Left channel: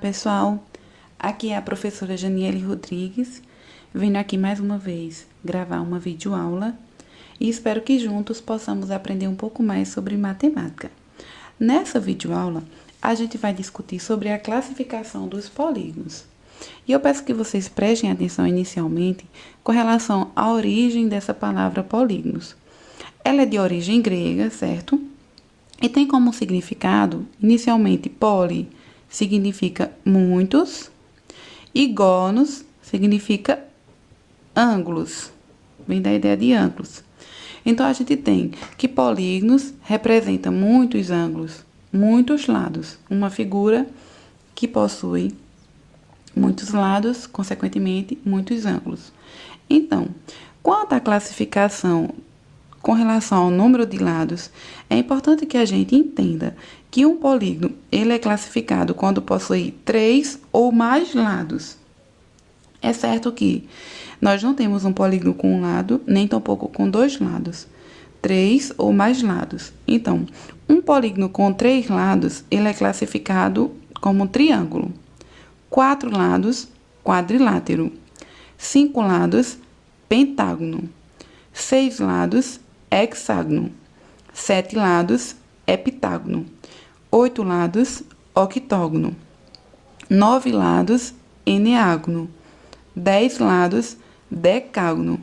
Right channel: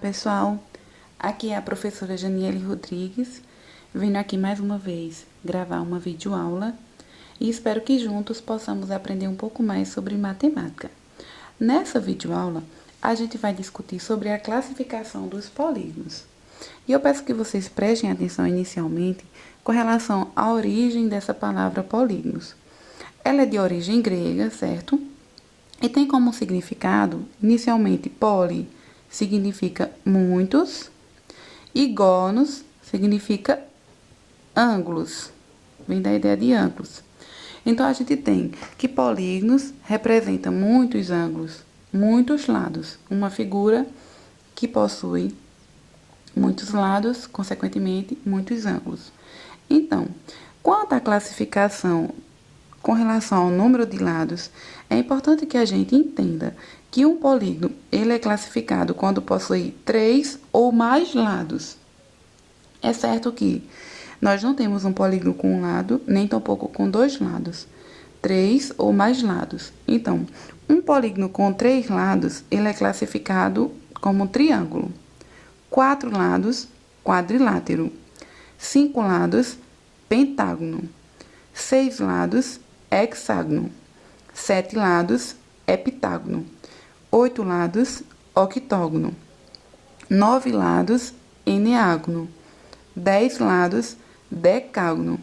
Pessoal, aqui é a professora Janiele Rodrigues, vindo aqui mais uma vez gravar uma videoaula e espero que juntos possamos aprender um pouco mais sobre matemática. Nessa videoaula, a gente vai discutir sobre a classificação dos polígonos. E eu peço que vocês prestem atenção inicialmente com relação à origem dessa palavra polígonos. Ela é de origem grega, certo? E tem como significado, inicialmente, poli significa muitos e gonos significa ângulos, vem da ideia de ângulos. Então, a gente tem que polígonos representa muitos ângulos, muitos lados, uma figura que possui muitos lados, consequentemente, muitos ângulos. Então, quanto à classificação com relação ao número de lados, é importante que a gente entenda que um polígono ele é classificado quando possui 3 ou mais lados. É certo que nós não temos um polígono com um lado, nem tampouco com 2 lados. 3 ou mais lados. Então, um polígono com 3 lados, ele é classificado como um triângulo. 4 lados, quadrilátero. 5 lados, pentágono. 6 lados, hexágono. 7 lados, heptágono. 8 lados, octógono. 9 lados, eneágono. 10 lados, decágono.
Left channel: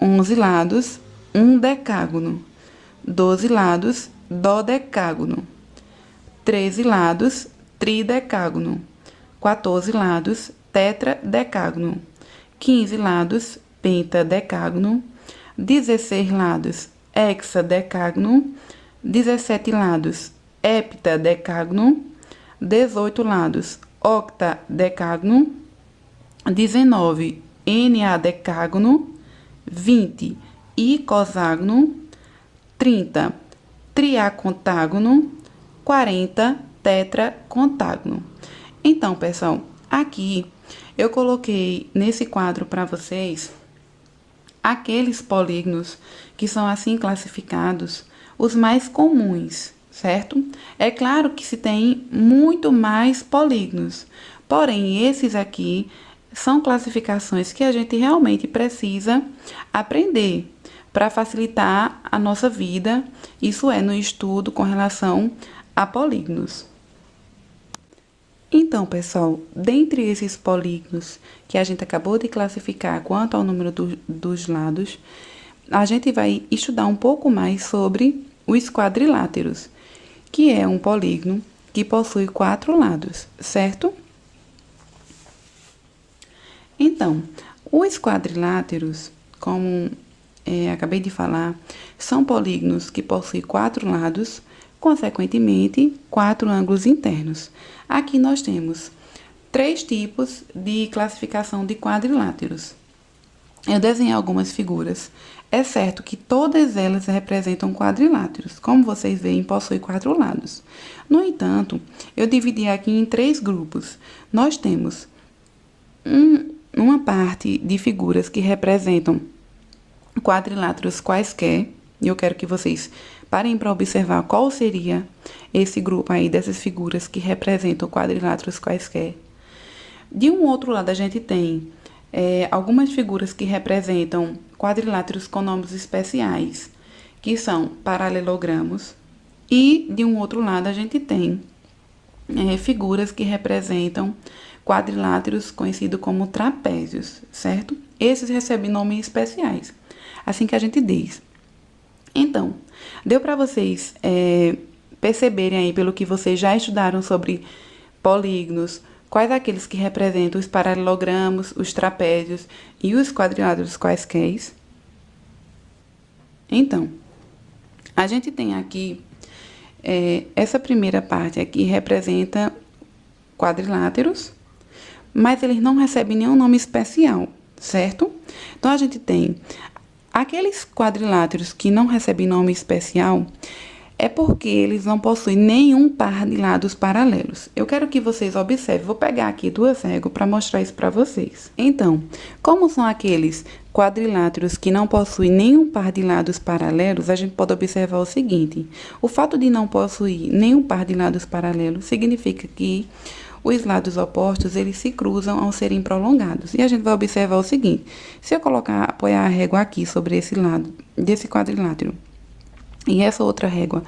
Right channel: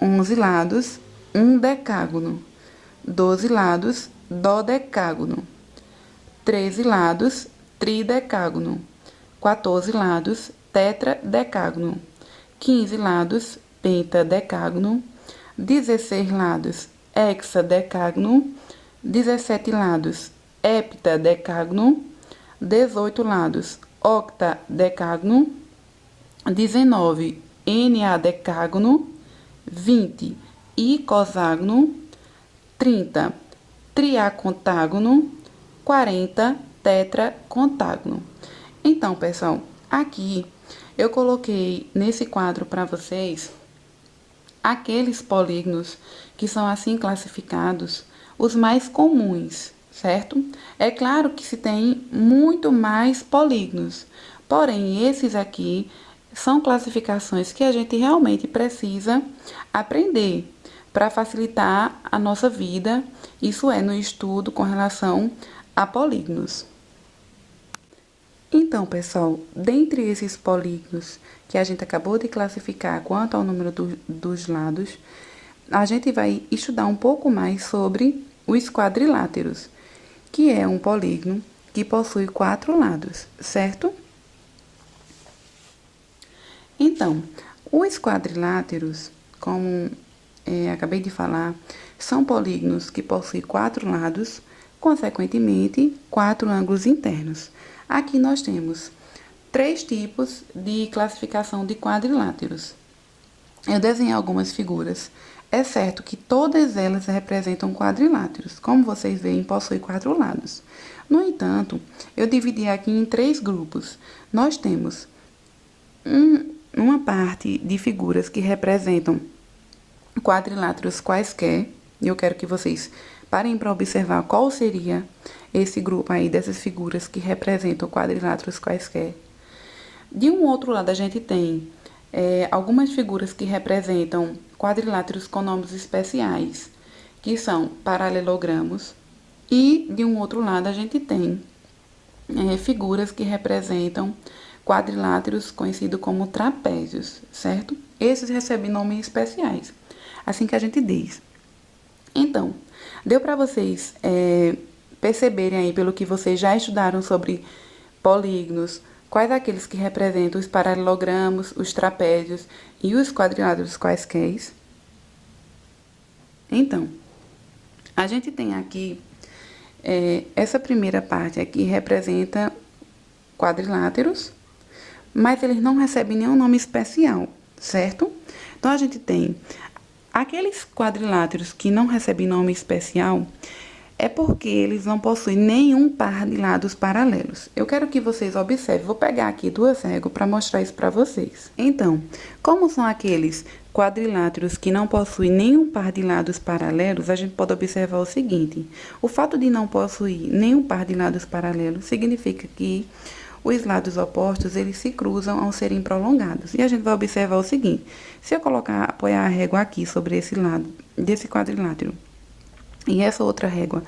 11 lados, undecágono. 12 lados, dodecágono. 13 lados, tridecágono. 14 lados, tetradecágono. 15 lados, pentadecágono. 16 lados, hexadecágono. 17 lados, heptadecágono. 18 lados, octadecágono. 19, eneadecágono. 20, icoságono. 30, triacontágono. 40, tetracontágono. Então, pessoal, aqui eu coloquei nesse quadro para vocês aqueles polígonos que são assim classificados, os mais comuns, certo? É claro que se tem muito mais polígonos, porém esses aqui são classificações que a gente realmente precisa aprender para facilitar a nossa vida, isso é, no estudo com relação a polígonos. Então, pessoal, dentre esses polígonos que a gente acabou de classificar quanto ao número dos lados, a gente vai estudar um pouco mais sobre os quadriláteros, que é um polígono que possui 4 lados, certo? Então, os quadriláteros, como acabei de falar, são polígonos que possuem 4 lados, consequentemente, 4 ângulos internos. Aqui nós temos 3 tipos de classificação de quadriláteros. Eu desenhei algumas figuras. É certo que todas elas representam quadriláteros. Como vocês veem, possuem 4 lados. No entanto, eu dividi aqui em 3 grupos. Nós temos uma parte de figuras que representam quadriláteros quaisquer. E eu quero que vocês parem para observar qual seria esse grupo aí dessas figuras que representam quadriláteros quaisquer. De um outro lado, a gente tem algumas figuras que representam quadriláteros com nomes especiais, que são paralelogramos. E, de um outro lado, a gente tem figuras que representam quadriláteros conhecidos como trapézios, certo? Esses recebem nomes especiais, assim que a gente diz. Então, deu para vocês perceberem aí, pelo que vocês já estudaram sobre polígonos, quais aqueles que representam os paralelogramos, os trapézios e os quadriláteros quaisquer? Então, a gente tem aqui, essa primeira parte aqui representa quadriláteros, mas eles não recebem nenhum nome especial, certo? Então, a gente tem aqueles quadriláteros que não recebem nome especial, é porque eles não possuem nenhum par de lados paralelos. Eu quero que vocês observem, vou pegar aqui 2 réguas para mostrar isso para vocês. Então, como são aqueles quadriláteros que não possuem nenhum par de lados paralelos, a gente pode observar o seguinte: o fato de não possuir nenhum par de lados paralelos significa que os lados opostos, eles se cruzam ao serem prolongados. E a gente vai observar o seguinte: se eu apoiar a régua aqui sobre esse lado desse quadrilátero, e essa outra régua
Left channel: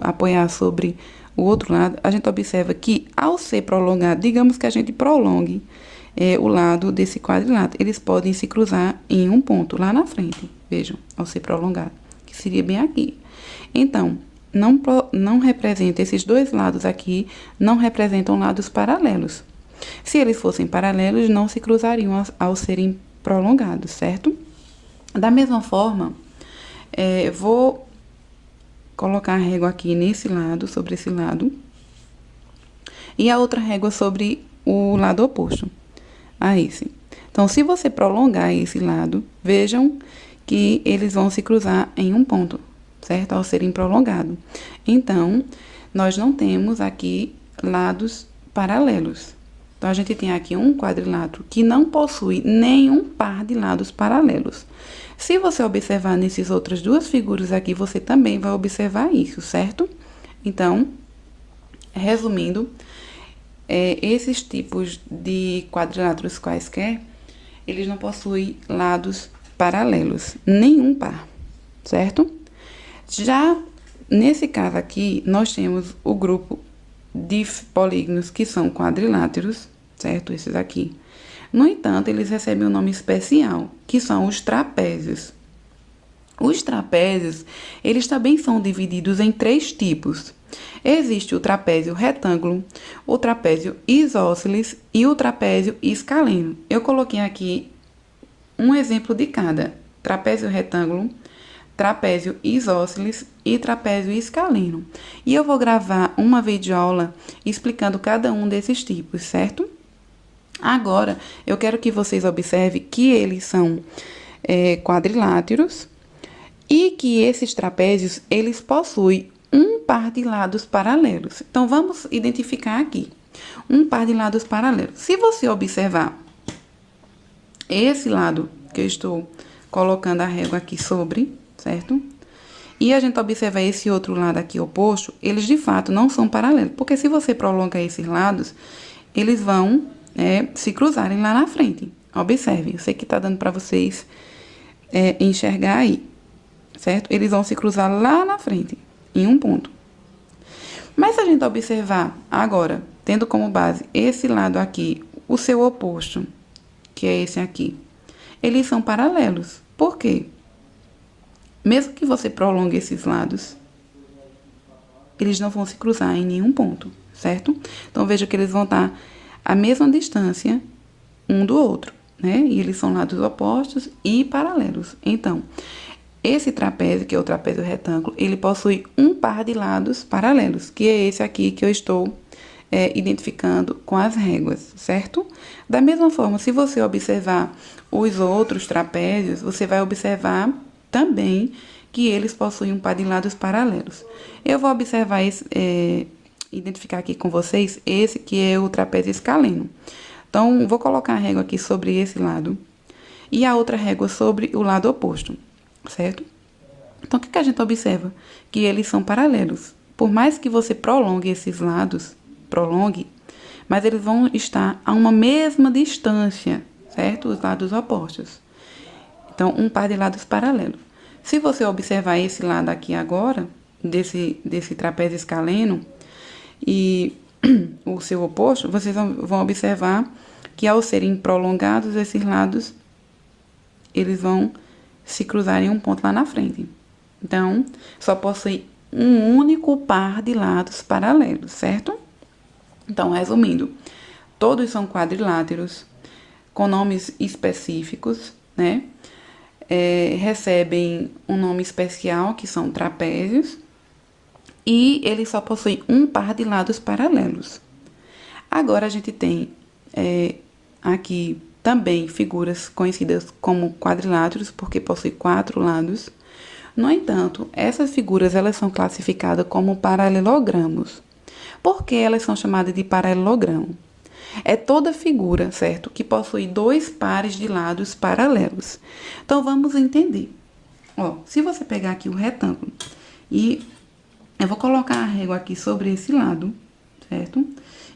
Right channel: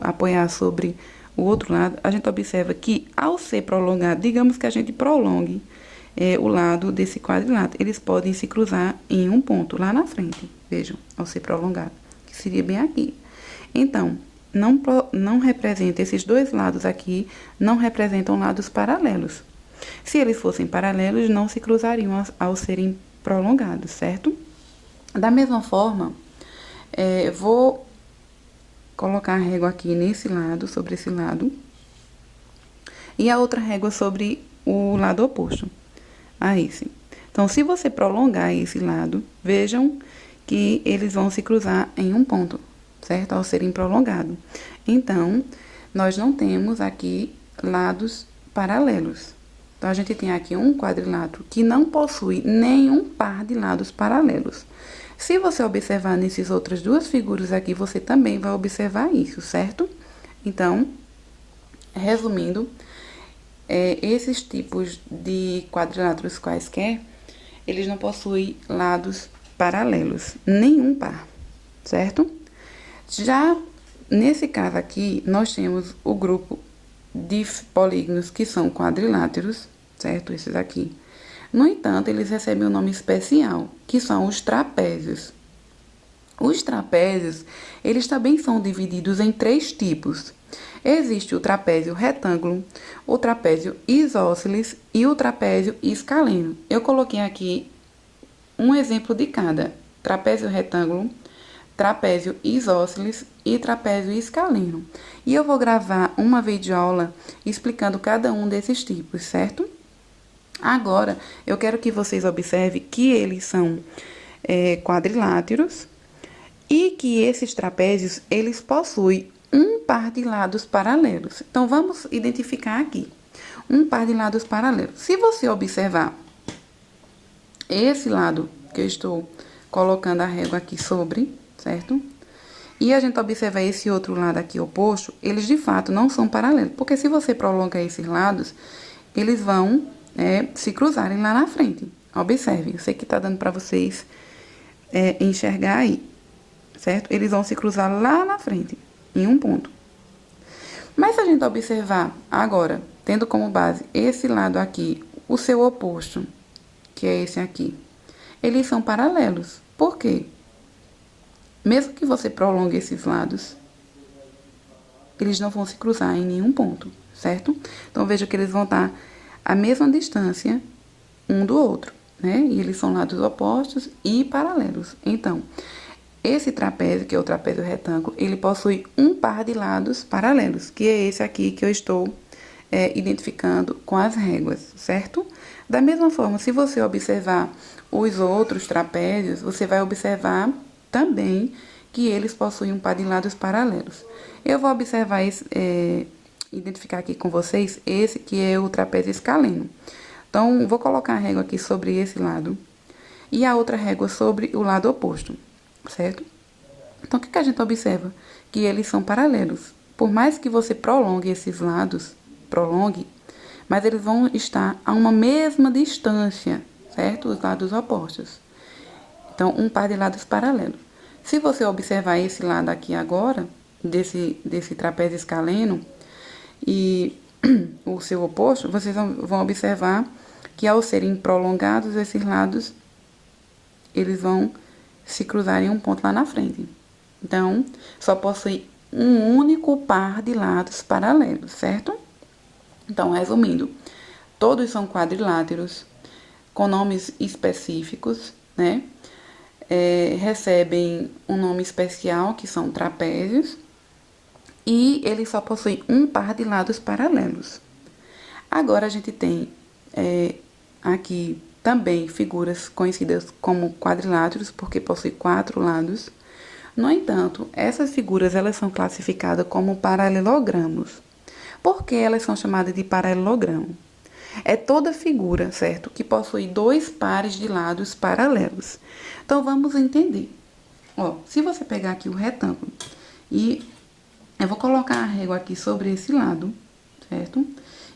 apoiar sobre o outro lado, a gente observa que, ao ser prolongado, digamos que a gente prolongue o lado desse quadrilátero, eles podem se cruzar em um ponto lá na frente, vejam, ao ser prolongado, que seria bem aqui. Então, não representa, esses dois lados aqui não representam lados paralelos. Se eles fossem paralelos, não se cruzariam ao serem prolongados, certo? Da mesma forma, vou colocar a régua aqui nesse lado, sobre esse lado, e a outra régua sobre o lado oposto a esse. Então, se você prolongar esse lado, vejam que eles vão se cruzar em um ponto, certo? Ao serem prolongados. Então, nós não temos aqui lados paralelos. Então, a gente tem aqui um quadrilátero que não possui nenhum par de lados paralelos. Se você observar nessas outras duas figuras aqui, você também vai observar isso, certo? Então, resumindo, esses tipos de quadriláteros quaisquer, eles não possuem lados paralelos, nenhum par, certo? Já nesse caso aqui, nós temos o grupo de polígonos que são quadriláteros, certo? Esses aqui. No entanto, eles recebem um nome especial, que são os trapézios. Os trapézios, eles também são divididos em 3 tipos. Existe o trapézio retângulo, o trapézio isósceles e o trapézio escaleno. Eu coloquei aqui um exemplo de cada: trapézio retângulo, trapézio isósceles e trapézio escaleno. E eu vou gravar uma videoaula explicando cada um desses tipos, certo? Agora, eu quero que vocês observem que eles são quadriláteros e que esses trapézios, eles possuem um par de lados paralelos. Então, vamos identificar aqui um par de lados paralelos. Se você observar esse lado que eu estou colocando a régua aqui sobre, certo? E a gente observa esse outro lado aqui oposto, eles de fato não são paralelos. Porque se você prolonga esses lados, eles vão se cruzarem lá na frente. Observem, eu sei que está dando para vocês enxergar aí, certo? Eles vão se cruzar lá na frente, em um ponto. Mas se a gente observar agora, tendo como base esse lado aqui, o seu oposto, que é esse aqui, eles são paralelos. Por quê? Mesmo que você prolongue esses lados, eles não vão se cruzar em nenhum ponto, certo? Então, veja que eles vão estar à mesma distância um do outro, né? E eles são lados opostos e paralelos. Então, esse trapézio, que é o trapézio retângulo, ele possui um par de lados paralelos, que é esse aqui que eu estou identificando com as réguas, certo? Da mesma forma, se você observar os outros trapézios, você vai observar também que eles possuem um par de lados paralelos. Eu vou observar identificar aqui com vocês esse que é o trapézio escaleno. Então, vou colocar a régua aqui sobre esse lado e a outra régua sobre o lado oposto, certo? Então, o que a gente observa? Que eles são paralelos. Por mais que você prolongue esses lados, mas eles vão estar a uma mesma distância, certo? Os lados opostos. Então, um par de lados paralelos. Se você observar esse lado aqui agora, desse trapézio escaleno, e o seu oposto, vocês vão observar que ao serem prolongados, esses lados, eles vão se cruzar em um ponto lá na frente. Então, só possui um único par de lados paralelos, certo? Então, resumindo, todos são quadriláteros, com nomes específicos, né? Recebem um nome especial, que são trapézios, e eles só possuem um par de lados paralelos. Agora, a gente tem aqui também figuras conhecidas como quadriláteros, porque possuem 4 lados. No entanto, essas figuras elas são classificadas como paralelogramos. Por que elas são chamadas de paralelogramo? É toda figura, certo, que possui 2 pares de lados paralelos. Então, vamos entender. Se você pegar aqui o retângulo e eu vou colocar a régua aqui sobre esse lado, certo?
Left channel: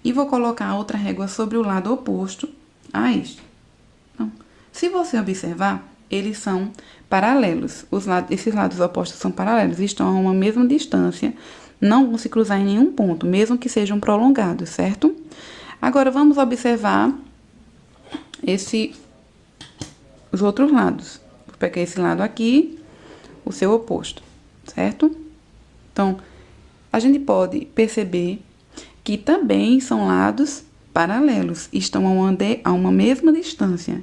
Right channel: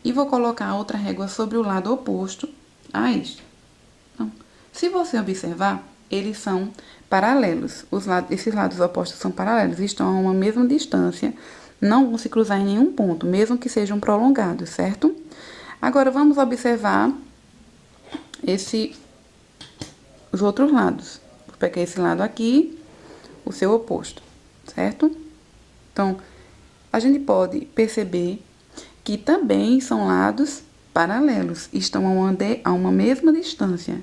e vou colocar a outra régua sobre o lado oposto a este. Então, se você observar, eles são paralelos. Esses lados opostos são paralelos, estão a uma mesma distância, não vão se cruzar em nenhum ponto, mesmo que sejam prolongados, certo? Agora, vamos observar os outros lados. Vou pegar esse lado aqui, o seu oposto, certo? Então, a gente pode perceber que também são lados paralelos, estão a uma mesma distância.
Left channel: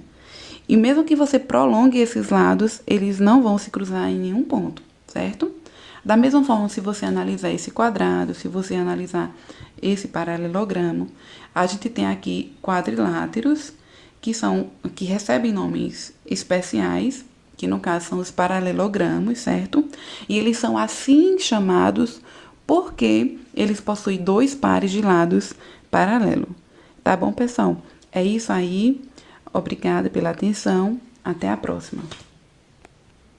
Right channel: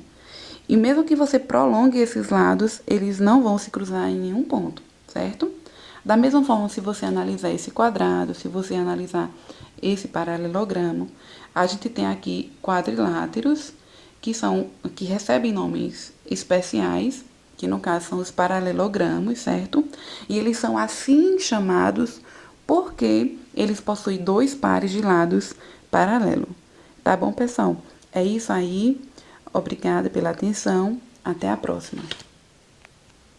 E mesmo que você prolongue esses lados, eles não vão se cruzar em nenhum ponto, certo? Da mesma forma, se você analisar esse quadrado, se você analisar esse paralelogramo, a gente tem aqui quadriláteros, que recebem nomes especiais, que no caso são os paralelogramos, certo? E eles são assim chamados porque eles possuem dois pares de lados paralelos. Tá bom, pessoal? É isso aí. Obrigada pela atenção. Até a próxima.